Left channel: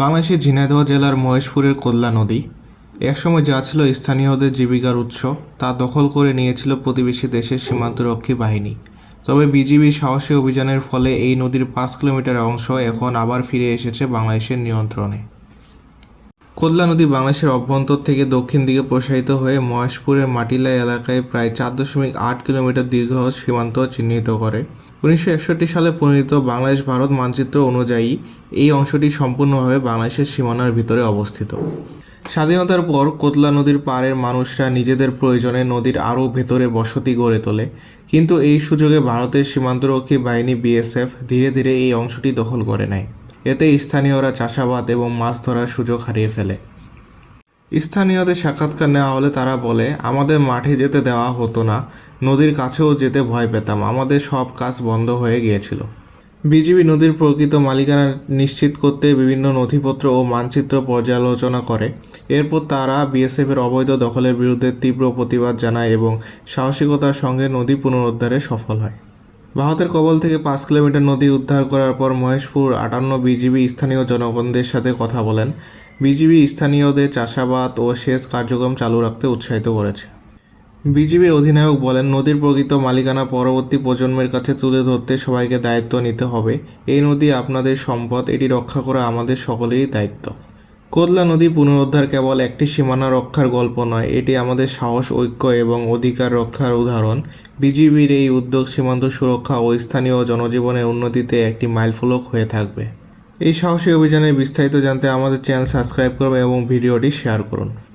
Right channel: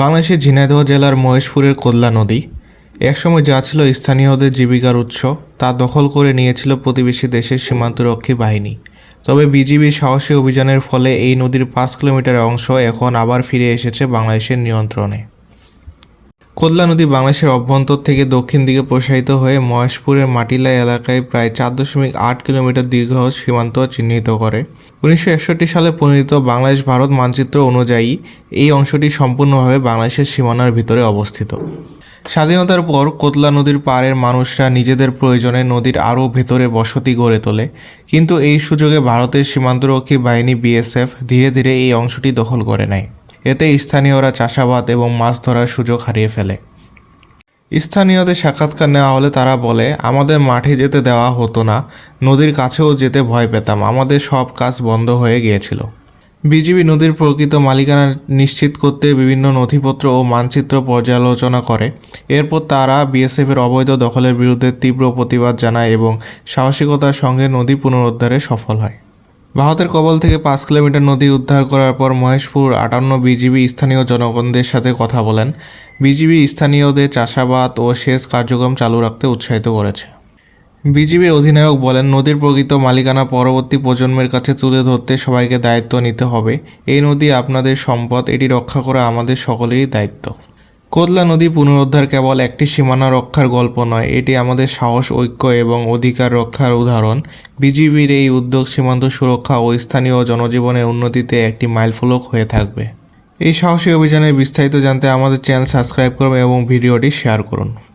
বাংলাদেশের ঝিনাইদহ জেলার মহেশপুরের কোল্লা নদী। একসময় যা ছিল স্থানীয়দের জীবিকার উৎস, তা দখল করে নিয়েছিল প্রতিবেশী দেশের সীমান্তরক্ষী বাহিনী। তবে বিজিবির সাহসী অভিযানের ফলে এই নদীর পাঁচ কিলোমিটার অংশ এখন আবার ফিরে এসেছে বাংলাদেশের নিয়ন্ত্রণে। কোদলা নদী বাংলাদেশের অভ্যন্তর থেকে দক্ষিণ দিকে প্রসারিত হয়ে মহেশপুরের মাটিলা এলাকায় প্রায় চার দশমিক আট কিলোমিটার দীর্ঘ সীমান্ত চিহ্নিত করে। উনিশশো একষট্টি সালে প্রণীত বাংলাদেশ ভারত মানচিত্র অনুযায়ী এই অংশটি সম্পূর্ণভাবে বাংলাদেশের সীমানার ভিতরে অবস্থিত। স্বাধীনতার পর কোতলা নদীর পাড়ের মানুষরা নিজেদের প্রয়োজনে নদীর আরও ভেতরে বসতি গড়ে তোলে। কিন্তু এই সুযোগে ভারতের সীমান্তরক্ষী বাহিনী বিএসএফ ধীরে ধীরে এই অংশটি দখল করে নেয়। এতে স্থানীয়রা চাষাবাদ এবং মাছ ধরার সুযোগ হারিয়ে ফেলে। স্থানীয়দের সাক্ষাৎকার নেওয়া হলে তারা বলে, আমাদের মাঠে যেতে দেওয়া হতো না। নদীর কাছেও যেতে ভয় পেতাম। আমাদের সব কাজ বন্ধ হয়ে গিয়েছিল। বিজিবি নদীর প্রকৃত মালিকানা নিশ্চিত করতে বিভিন্ন নথিপত্র ও মানচিত্র পর্যালোচনা করে। এরপর তারা বিএসএফের অবৈধ দখলের বিরুদ্ধে তীব্র প্রতিবাদ জানায় এবং সাহসিকতার সঙ্গে নদী পুনরুদ্ধারে সফল হয়। ভারতের কবল থেকে পাঁচ কিলোমিটার নদী উদ্ধার করার পর মহেশপুর আটান্ন বিজিবি স্থানীয় জনগণদের সাথে কথা বলেন। বিজিবি স্থানীয়দের চাষাবাদ ও সেচ কার্যক্রম চালু রাখতে উৎসাহিত করেছে। বিজিবির অধিনায়ক বলেন, নদীর প্রকৃত মালিকানা পরবর্তী প্রজন্মের কাছে তুলে ধরতে সবাইকে দায়িত্ব নিতে হবে। এই নদী আপনাদের সম্পদ, এটি রক্ষা করা আমাদের সকলেরই দায়িত্ব। কোদলা নদী পুনরুদ্ধার কেবল একটি সীমানা রক্ষার গল্প নয়, এটি আমাদের সাহস, ঐক্য এবং অধিকার রক্ষার উদাহরণ। বিজিবির এই উদ্যোগ সীমান্ত সুরক্ষা ও স্থানীয় জনজীবনের উন্নতিতে একটি মাইলফলক হয়ে থাকবে। এই সাহসী অভিযানের বিস্তারিত জানতে আমাদের চ্যানেল সাবস্ক্রাইব করুন এবং ভিডিওটি শেয়ার করুন।